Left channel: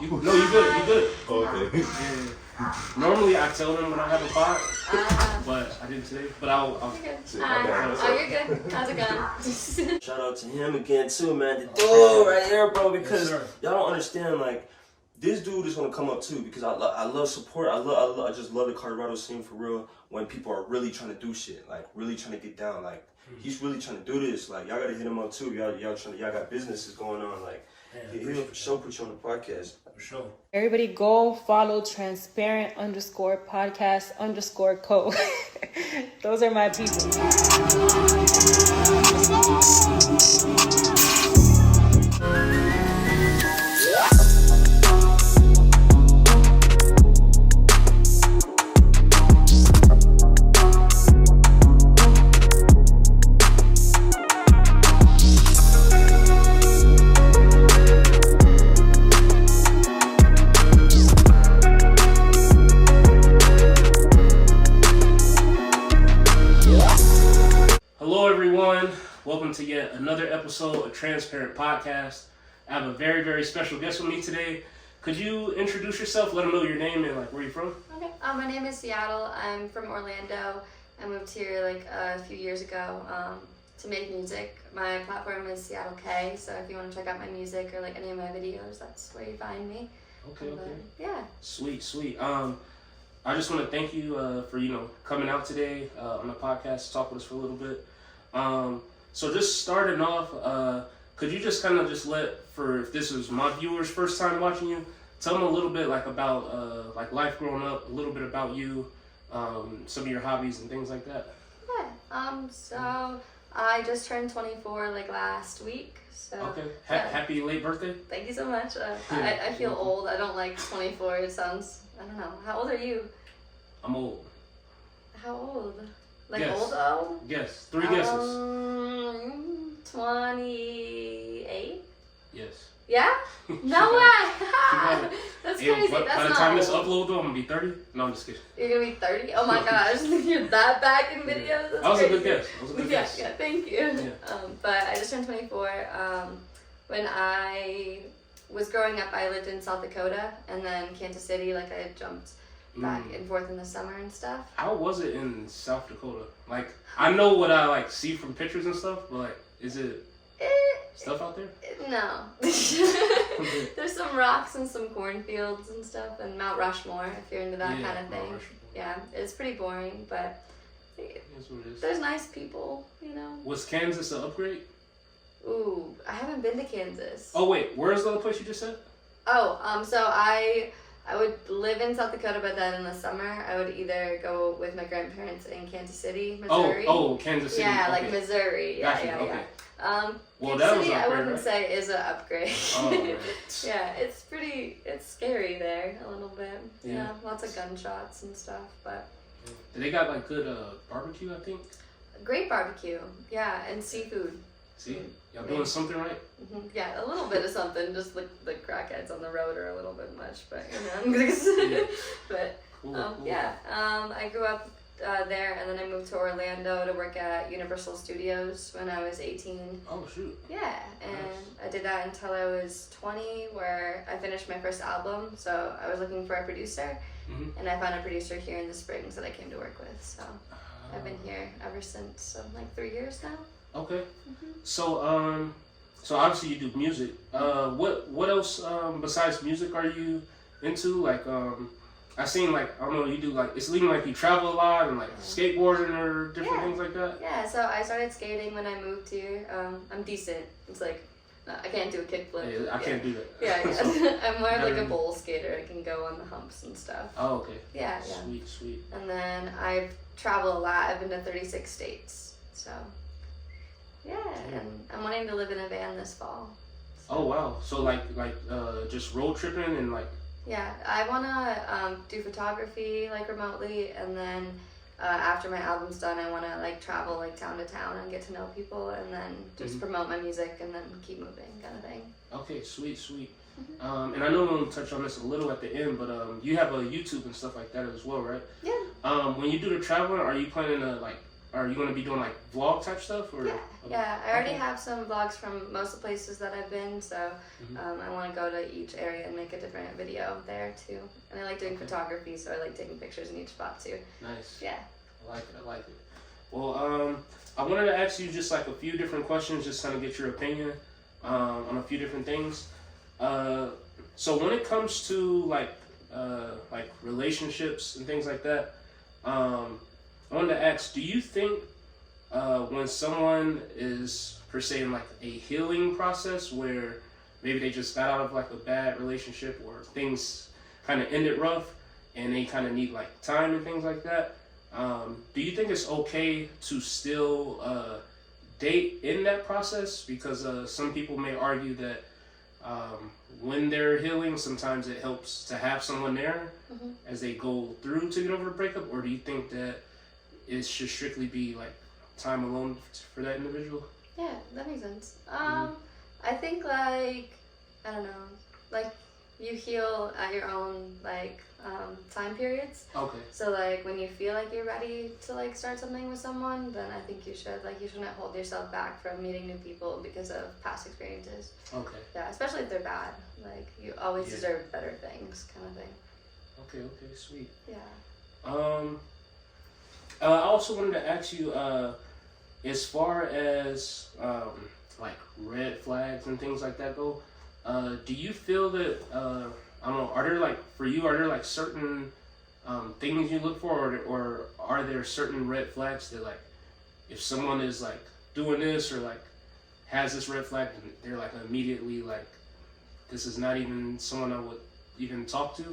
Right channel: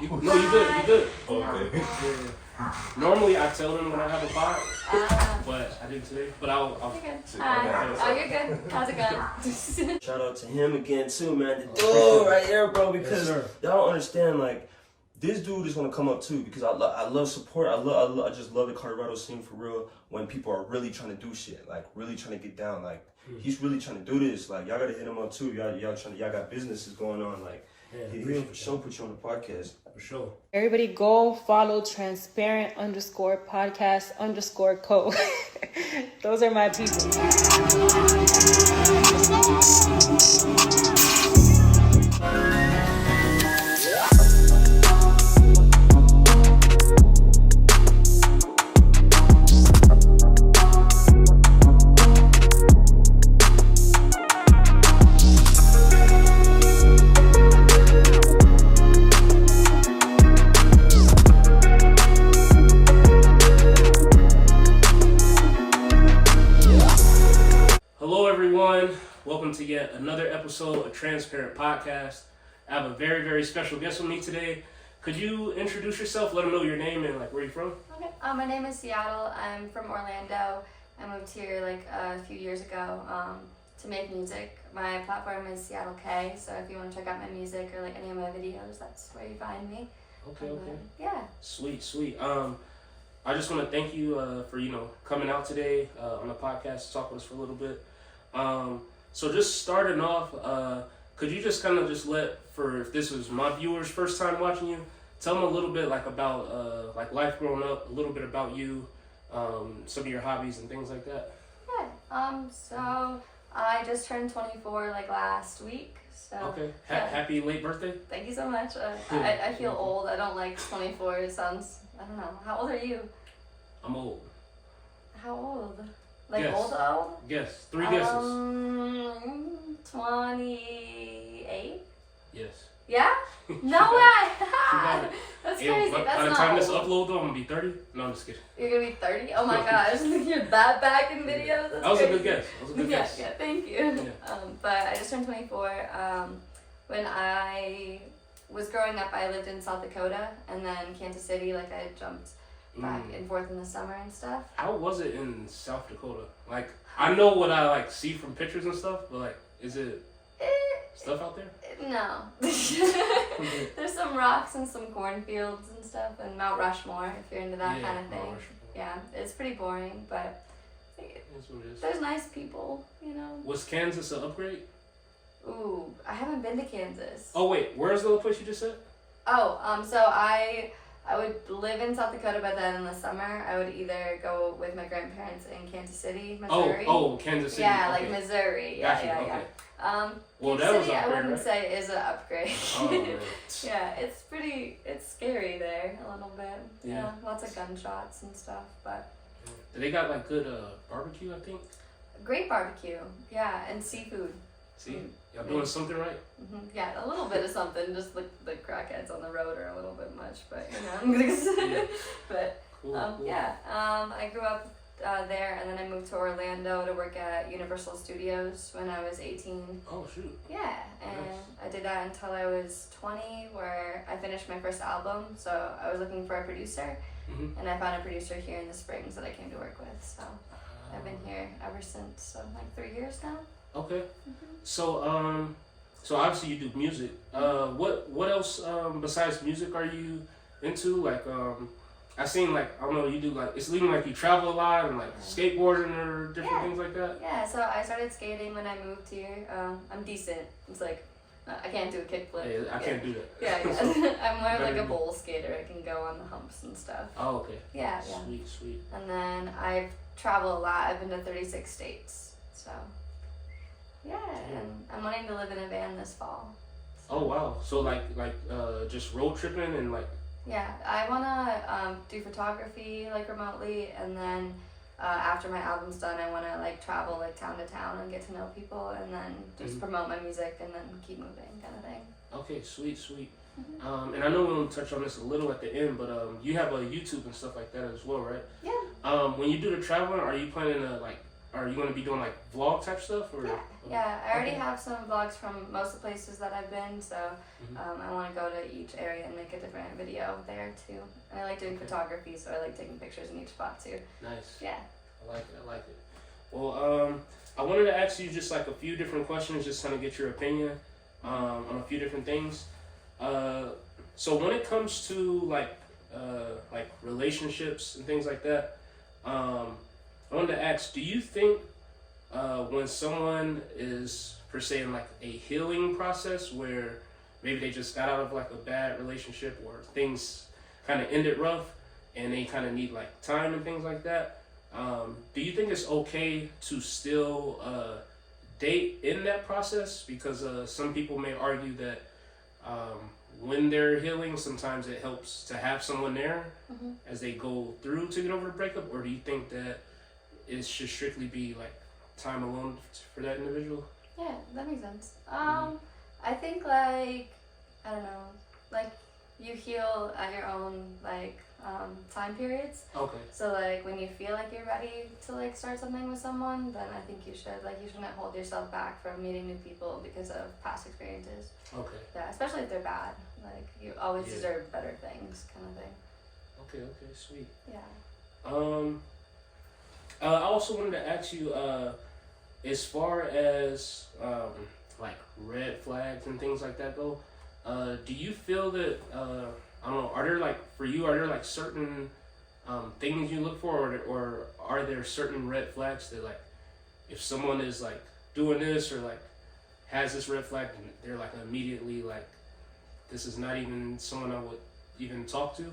You good. You good. Okay. Yeah. Normally I tell them when I have a pod, but I didn't today. But I'll. You're good. Oh, you're good. How's it going? Shout out to him again too, man. The dude right here, bro, because y'all don't understand, like, this dude is gonna come up too because I love support. I just love the Colorado scene for real. When people are really trying to do shit, like really trying to get down, like he's really trying to do this. Like y'all gotta hit him up too. Y'all got businesses going on. Like he'll for sure put you on the podcast. For sure. Everybody go follow transparent_podcast_co. Those are my people. Welcome to yet another episode of Transparent Podcast. I have a very, very special guest with me today. Could you introduce yourself? Let them know your name and like where you're from. Okay. My name is Seattle. I'm from Orlando. I moved here like a few years ago to make music. My platform is Seattle K. So if you want to check out my music or like any of my videos, that's where you find me. Okay. Yeah. Sweet. I just want to thank you for coming out today on the podcast to talk with us for a little bit. So just starting off, could you just kind of just if this was my viewers' first time watching you, tell them a little bit like about like life growing up, a little bit about you, some of your hobbies and things like that. Yeah. So I just turned 24 like last week. So okay. Yeah. Happy late birthday. Thank you so much. I feel old. I don't like 24. It sounds, I don't know. How old are you? I'm old. How old? Like Yes. old? Yes. 3 guesses. 28? Yes. Yeah? No way! That's crazy. That's by the not time old. this upload though, I'm gonna be 30. No, I'm just kidding. You're gonna be 30? Oh my gosh, you're that back in videos? That's That was crazy. a good guess. Yeah, thank you. Yeah. But I just turned 24. When I was growing up, I lived in South Dakota and then Kansas City. Like I had jumped back and forth in the summer and stuff. How was it in South Dakota? Like, I know what I like see from pictures and stuff, but like, is it stuff out there? No. There's some rocks and some cornfields and stuff, and Mount Rushmore if you're into that kind of thing. Yeah, it's pretty boring, but That's what it is. there's nice people, you know. Was Kansas an upgrade? Ooh, I haven't been to Kansas. Oh wait, where's the other place you just said? So I would live in South Dakota, but then in the summer I would either go with my grandparents in Kansas City, Missouri. Oh, Kansas City. Yeah, okay. like Missouri. Gotcha. Yeah. Okay. Well, Kansas that was City, an I upgrade, wouldn't right? say is an upgrade. Oh, man. Yeah, it's scary there a little bit. Yeah. You know, lots of gunshots and stuff, but They got like good barbecue, I think. great barbecue. Yeah, and seafood. See, y'all doing something right. Yeah, a little bit of something. Just like the crackheads on the road are a little bit much, but you know. Yeah. But Cool. yeah, I grew up there, and then I moved to Orlando to work at Universal Studios when I was 18. Oh shoot. Yeah, and Nice. I did that until I was 20, where I finished my first album. So I was looking for a producer, and I found a producer here in the Springs that I came to work with. So I've been here ever since. So like 3 years now. Okay. So so obviously you do music. What else besides music are you into? Like I seen like I don't know, you do like it's leading like you travel a lot and like skateboarding or different things like that. Yeah, so I started skating when I moved here. I'm decent. It's like I can't do a kickflip. Hey, I can't do that. Yeah. I'm more of like a bowl skater. I can go on the humps and stuff. Oh, okay. Yeah. Sweet. And then I've traveled a lot. I've been to 36 states. So yeah, and I'm wanting to live in a van this fall. So. Oh wow. So like just road tripping and like. Yeah, I wanna do photography like remotely, and then after my album's done, I wanna like travel like town to town and get to know people, and then just promote my music, and then keep moving, kind of thing. Okay, sweet. And I know we're gonna touch on this a little at the end, but you have a YouTube and stuff like that as well, right? Yeah. When you do the traveling, are you planning to like are you gonna be doing like vlog type stuff or? Yeah. I already have some vlogs from most of the places that I've been, so I want to go to each area and make a different video there too. And I like doing photography, so I like taking pictures in each spot too. Nice. Yeah. I like it. Well, I wanted to ask you just like a few different questions, just kind of get your opinion on a few different things. So when it comes to like relationships and things like that, I wanted to ask, do you think when someone is per se in like a healing process where maybe they just got out of like a bad relationship or things kind of ended rough and they kind of need like time and things like that, do you think it's okay to still date in that process? Because some people may argue that when they're healing, sometimes it helps to have someone there as they go through to get over a breakup, or do you think that it should strictly be like time alone for that individual? Yeah, that makes sense. I think like, I don't know, like you heal at your own like time periods. Okay. So like when you feel like you're ready to like start something with someone, then I think you should. Like you shouldn't hold yourself back from meeting new people because of past experiences. Okay. Yeah, especially if they're bad. Like you always deserve better things, kind of thing. Okay, sweet. Yeah. I also wanted to ask you, as far as like red flags and things like that go, do you feel that I don't know, are there like for you, are there like certain things you look for, or are there certain red flags that like if someone is like doing this or like has this red flag, they're like immediately like, this is not even someone I would even talk to?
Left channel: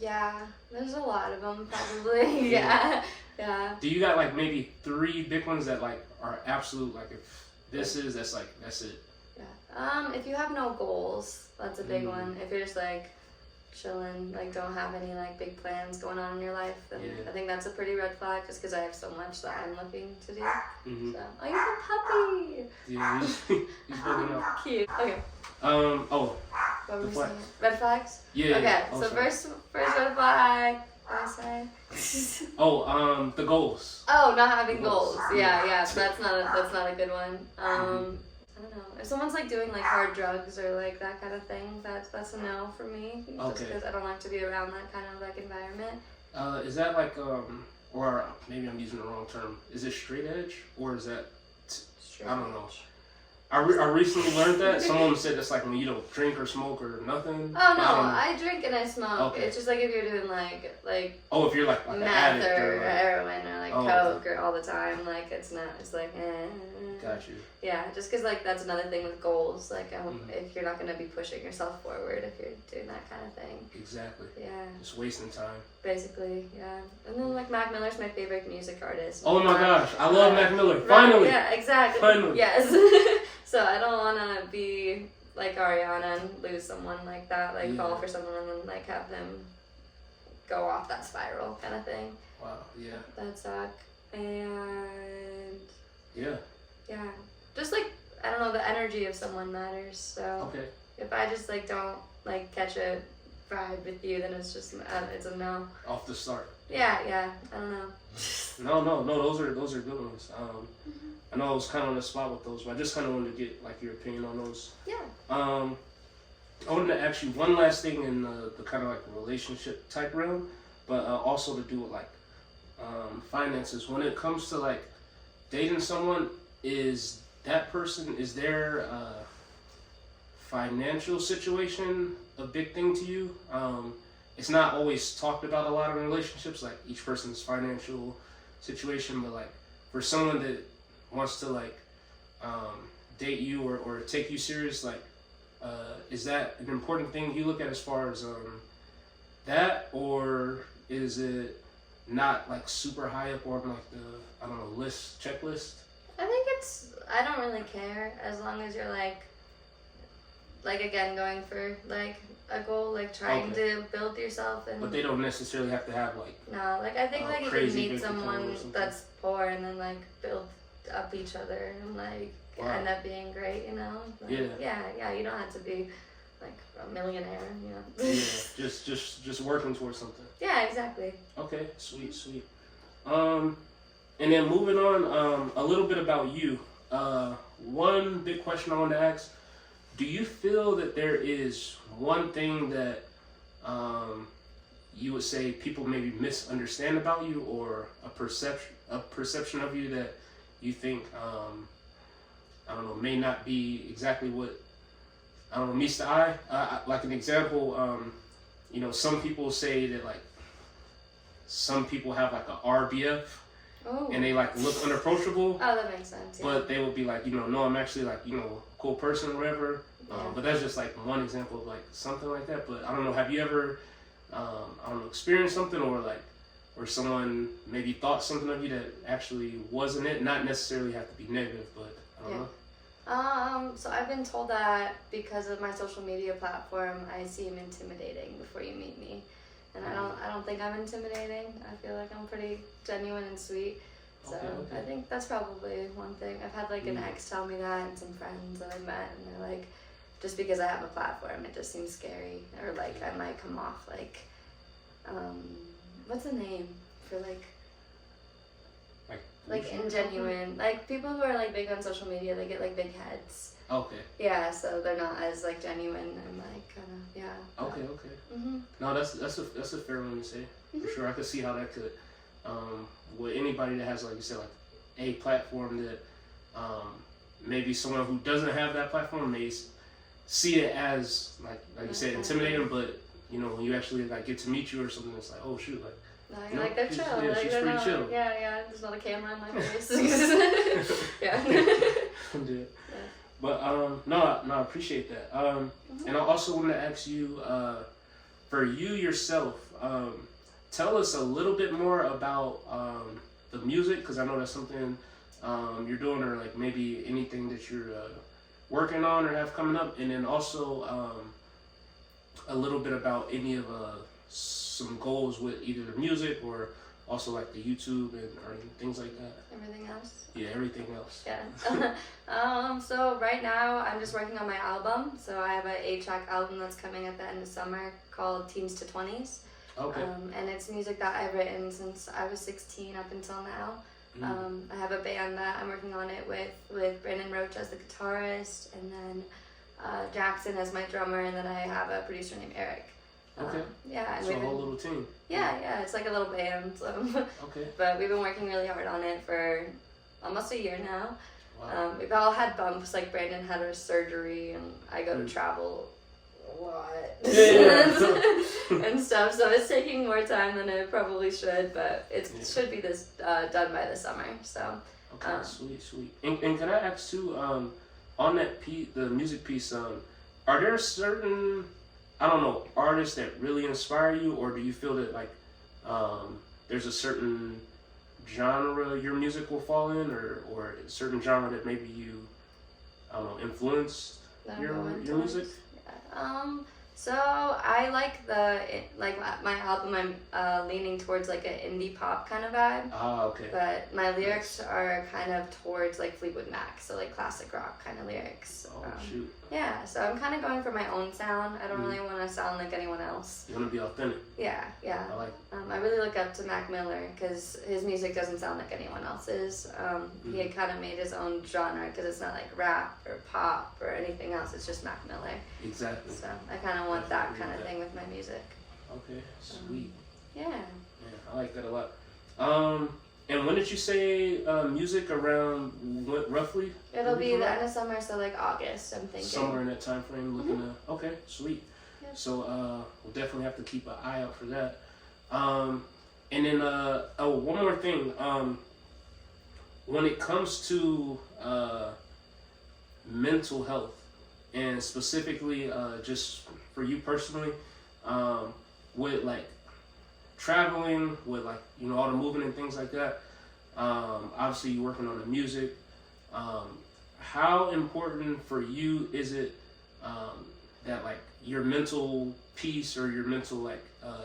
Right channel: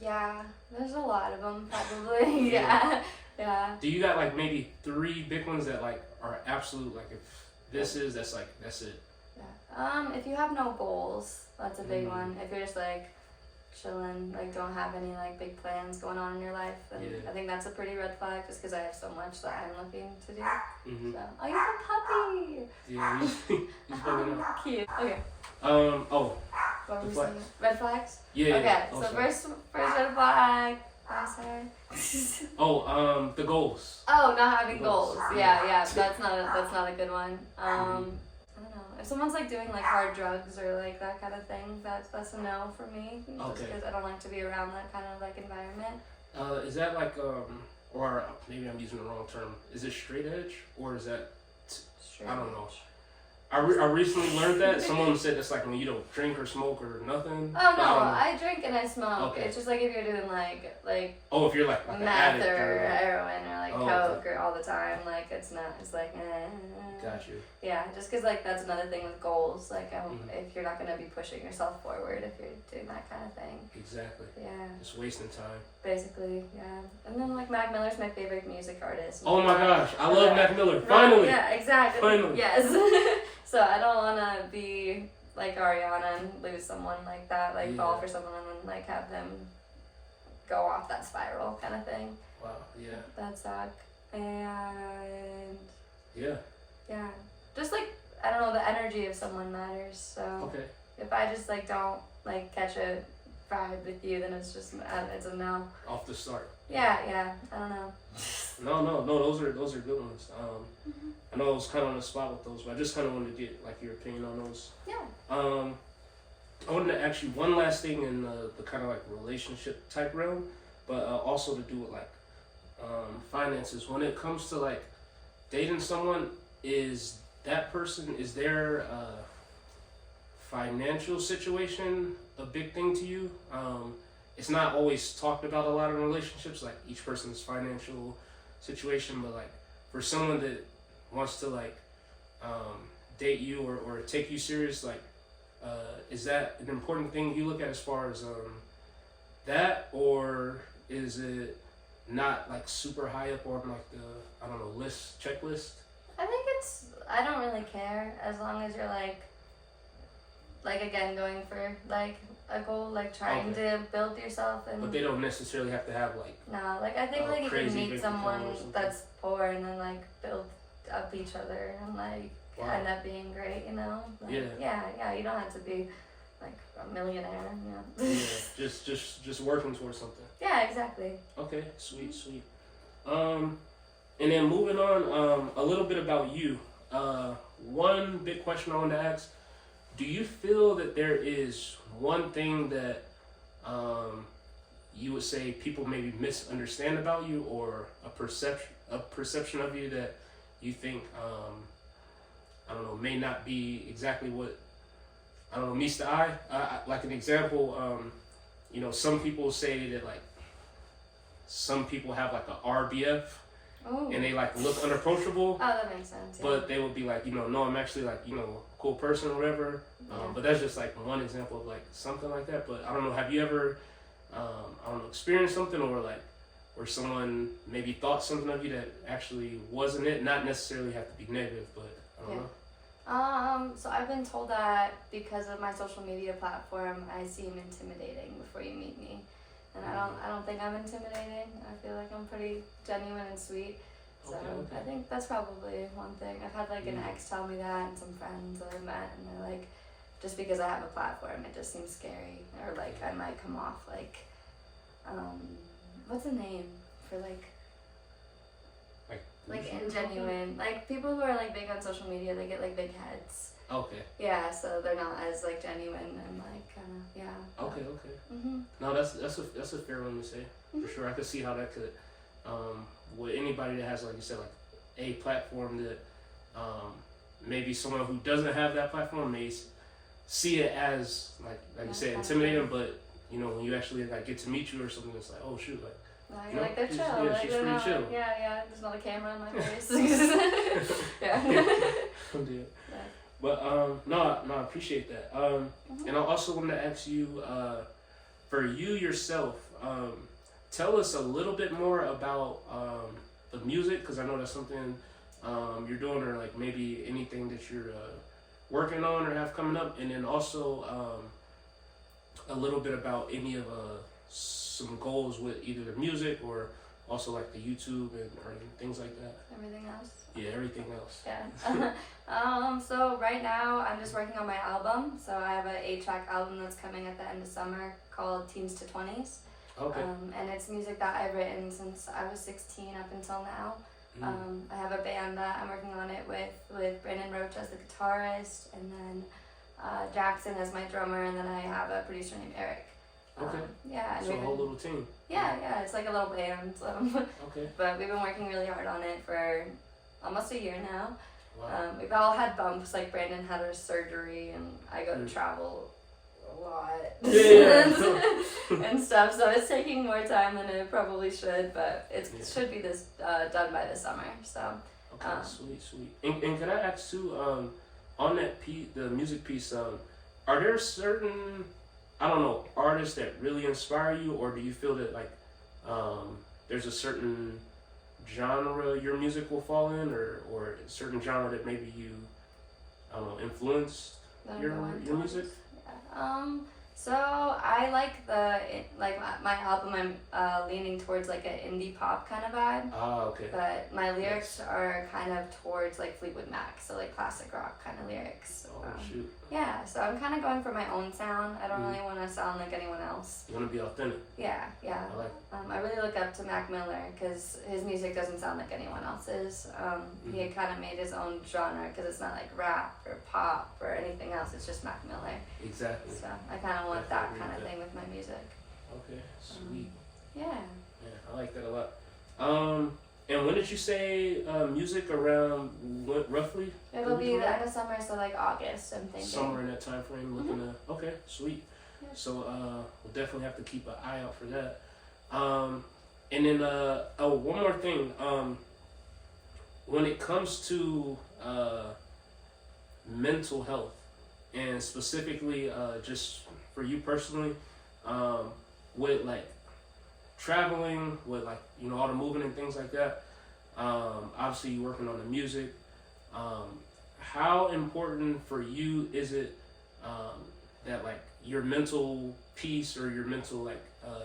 Yeah, there's a lot of them probably. Yeah. Do you got like maybe 3 big ones that like are absolute, like if this is, that's like, that's it? Yeah. If you have no goals, that's a big one. If you're just like chilling, like don't have any like big plans going on in your life, then I think that's a pretty red flag, just because I have so much that I'm looking to do. So, oh, you're a puppy! Yeah, he's bugging out. Cute. Okay. The flags. Red flags? Yeah. Okay, Oh, so sorry. first red flag. Sorry. The goals. Oh, not having goals. Yeah. Yeah. That's not a good one. I don't know. If someone's like doing like hard drugs or like that kind of thing, that's a no for me. Just because I don't like to be around that kind of like environment. Is that like or maybe I'm using the wrong term. Is it straight edge or is that I don't know. I recently learned that someone said it's like when you don't drink or smoke or nothing. Oh no, I drink and I smoke. Okay. It's just like if you're doing like if you're like an meth addict or like, heroin or like coke or all the time, like it's not. It's like Got you. Yeah, just because like that's another thing with goals. Like if you're not gonna be pushing yourself forward if you're doing that kind of thing. Exactly. Yeah. Just wasting time. Basically, yeah. And then like Mac Miller's my favorite music artist. Oh my gosh, I love Mac Miller. Finally. Yeah, exactly. Finally. Yes. So I don't want to be like Ariana and lose someone like that, like fall for someone and like have them go off that spiral kind of thing. Wow, yeah. That suck. And yeah, just like I don't know, the energy of someone matters. So if I just like don't like catch a vibe with you, then it's a no. Off the start. Yeah. I don't know. No. Those are good ones. I know I was kind of on the spot with those, but I just kind of wanted to get like your opinion on those. Yeah. I wanted to ask you one last thing in the kind of like relationship type realm, but also to do with like finances. When it comes to like dating someone, is their financial situation a big thing to you? It's not always talked about a lot in relationships, like each person's financial situation, but like for someone that wants to like date you or take you serious, like is that an important thing you look at as far as that, or is it not like super high up on like the checklist? I think I don't really care as long as you're like again going for like a goal, like trying to build yourself. And but they don't necessarily have to have like I think like you can meet someone that's poor and then like build up each other and like end up being great, you know? Like, yeah, you don't have to be like a millionaire, you know? Yeah, just working towards something. Yeah, exactly. Okay, sweet. And then moving on, a little bit about you. One big question I wanted to ask: do you feel that there is one thing that you would say people maybe misunderstand about you, or a perception of you that you think I don't know, may not be exactly what, I don't know, meets the eye? Like an example, you know, some people say that like some people have like a RBF. Oh. And they like look unapproachable. Oh, that makes sense. Yeah. But they would be like, you know, no, I'm actually like, you know, a cool person, whatever. Yeah. But that's just like one example of like something like that. But I don't know, have you ever, I don't know, experienced something, or like, or someone maybe thought something of you that actually wasn't it? Not necessarily have to be negative, but I don't know. So I've been told that because of my social media platform, I seem intimidating before you meet me. And I don't think I'm intimidating. I feel like I'm pretty genuine and sweet. So Okay. I think that's probably one thing. I've had like an ex tell me that, and some friends that I met, and they're like, just because I have a platform, it just seems scary, or like I might come off like, what's the name for like ingenuine? Like people who are like big on social media, they get like big heads. Okay. Yeah, so they're not as like genuine and like kind of Okay. Mhm. No, that's a fair one to say, for sure. I could see how that could, with anybody that has, like you said, like a platform that, maybe someone who doesn't have that platform may see it as like you said, intimidating, but you know, when you actually like get to meet you or something, it's like, oh shoot, like. No, you're like, they're chill. Yeah, like, she's they're pretty not, chill. Yeah, there's not a camera in my face. Yeah. Yeah. But no, I appreciate that. And I also want to ask you, for you yourself, tell us a little bit more about the music, because I know that's something you're doing, or like maybe anything that you're working on or have coming up, and then also a little bit about any of some goals with either the music or also like the YouTube or things like that. Everything else? Yeah, everything else. Yeah. So right now I'm just working on my album. So I have an 8-track album that's coming at the end of summer called Teens to 20s. Okay. And it's music that I've written since I was 16 up until now. I have a band that I'm working on it with Brandon Roach as the guitarist, and then Jackson as my drummer, and then I have a producer named Eric. Okay. Yeah. So a whole little team. Yeah, it's like a little band. So. Okay. But we've been working really hard on it for almost a year now. Wow. We've all had bumps, like Brandon had her surgery, and I go to travel a lot. Yeah. and stuff, so it's taking more time than it probably should, but it should be done by this summer. So. Okay, sweet. And can I ask too, on that the music piece, are there certain, I don't know, artists that really inspire you, or do you feel that like there's a certain genre your music will fall in, or a certain genre that maybe you, I don't know, influenced your music? Yeah. So I like my album. I'm leaning towards like an indie pop kind of vibe. Ah, okay. But my lyrics are kind of towards like Fleetwood Mac, so like classic rock kind of lyrics. Oh shoot. Yeah, so I'm kind of going for my own sound. I don't really want to sound like anyone else. You want to be authentic. Yeah. I like. I really look up to Mac Miller because his music doesn't sound like anyone else's. He had kind of made his own genre because it's not like rap or pop or anything else. It's just Mac Miller. Exactly. So I kind of want that kind of thing with my music. Okay, sweet. Yeah, I like that a lot. And when did you say music around what roughly? It'll be the end of summer, so like August, I'm thinking. Somewhere in that time frame, looking at. Okay, sweet. Yeah. So we'll definitely have to keep an eye out for that. And then one more thing. When it comes to mental health, and specifically just for you personally, with like traveling, with like, you know, all the moving and things like that, obviously you're working on the music, how important for you is it that like your mental peace or your mental like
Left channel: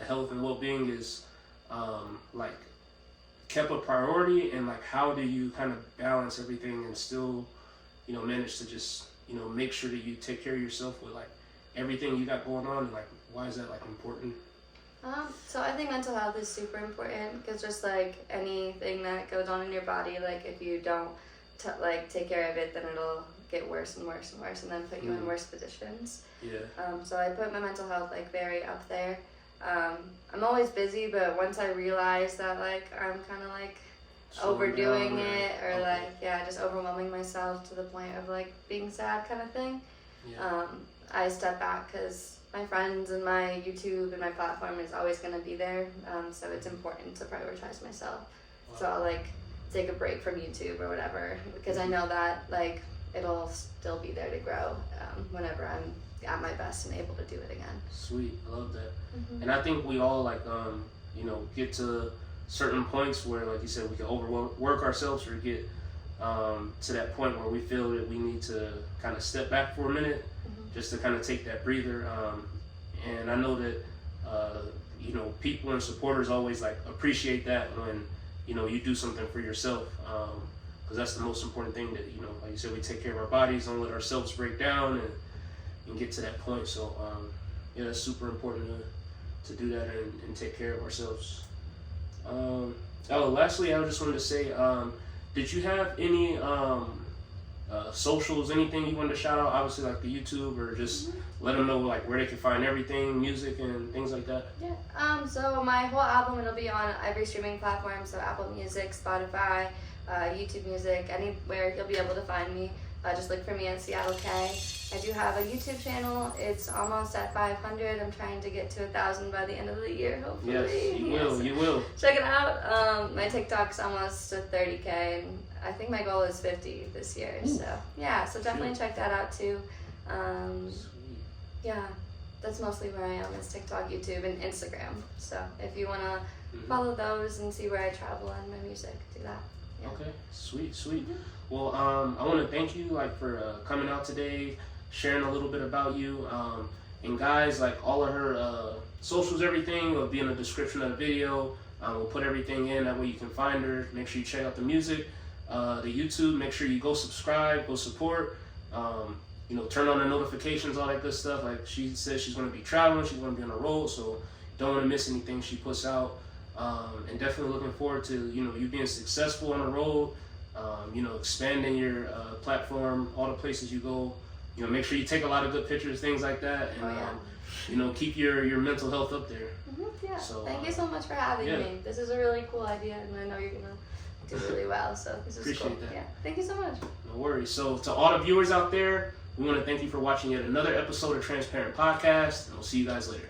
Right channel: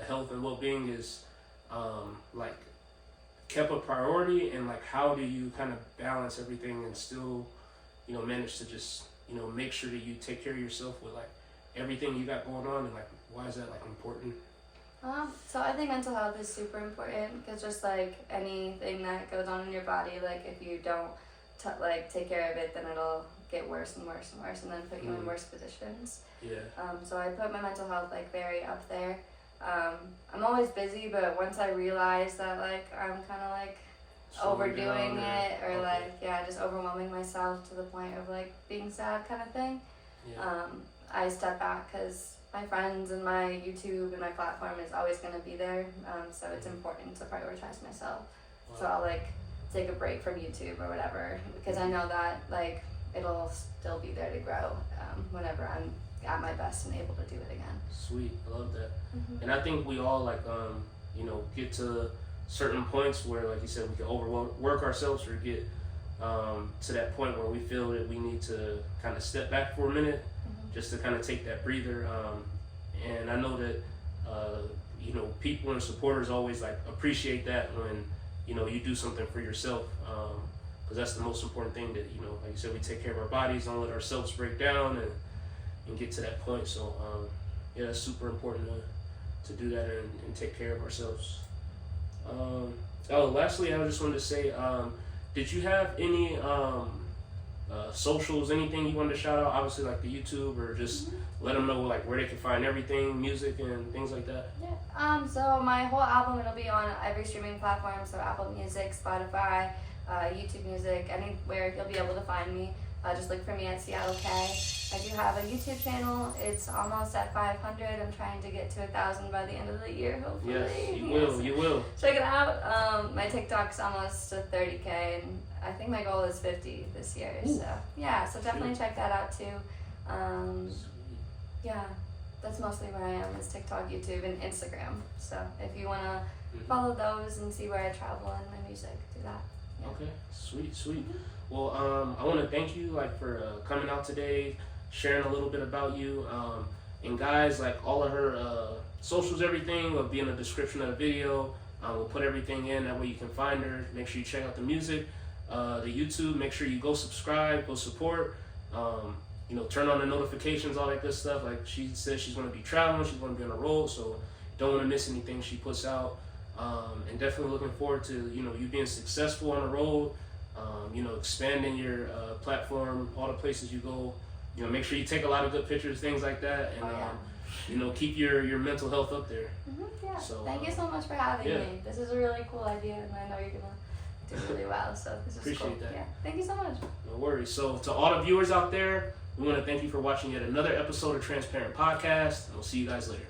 health and well-being is like kept a priority, and like how do you kind of balance everything and still, you know, manage to just, you know, make sure that you take care of yourself with like everything you got going on, and like why is that like important? So I think mental health is super important because just like anything that goes on in your body, like if you don't take care of it, then it'll get worse and worse and worse, and then put you in worse positions. Yeah. So I put my mental health like very up there. I'm always busy, but once I realize that like I'm kind of like overdoing it or like just overwhelming myself to the point of like being sad kind of thing, I step back because my friends and my YouTube and my platform is always going to be there, so it's important to prioritize myself. So I'll like take a break from YouTube or whatever because I know that like it'll still be there to grow whenever I'm at my best and able to do it again. Sweet, I love that. And I think we all like get to certain points where, like you said, we can overwork ourselves or get to that point where we feel that we need to kind of step back for a minute just to kind of take that breather. And I know that people and supporters always like appreciate that when you do something for yourself, because that's the most important thing, that like you said, we take care of our bodies, don't let ourselves break down and get to that point. So that's super important to do that and take care of ourselves. Lastly, I just wanted to say, did you have any socials, anything you wanted to shout out? Obviously, like the YouTube, or just let them know like where they can find everything, music and things like that. Yeah. So my whole album, it'll be on every streaming platform. So Apple Music, Spotify, YouTube Music, anywhere you'll be able to find me. Just look for me at Seattle K. I do have a YouTube channel. It's almost at 500. I'm trying to get to 1,000 by the end of the year, hopefully. Yes, you will. Check it out. My TikTok's almost to 30K, and I think my goal is 50 this year. Ooh. So definitely check that out too. That's mostly where I am, is TikTok, YouTube, and Instagram. So if you want to follow those and see where I travel and my music, do that. Yeah. Okay, sweet. Well, I want to thank you for coming out today, sharing a little bit about you. And guys, like all of her socials, everything will be in the description of the video. We'll put everything in, that way you can find her. Make sure you check out the music, the YouTube. Make sure you go subscribe, go support. Turn on the notifications, all that good stuff. Like she says, she's going to be traveling, she's going to be on the road, so don't want to miss anything she puts out. And definitely looking forward to you being successful on the road. Expanding your platform, all the places you go. Make sure you take a lot of good pictures, things like that, and keep your mental health up there. So thank you so much for having me. This is a really cool idea, and I know you're gonna do really well. So this is appreciate cool. that. Yeah, thank you so much. No worries. So to all the viewers out there, we want to thank you for watching yet another episode of Transparent Podcast, and we'll see you guys later.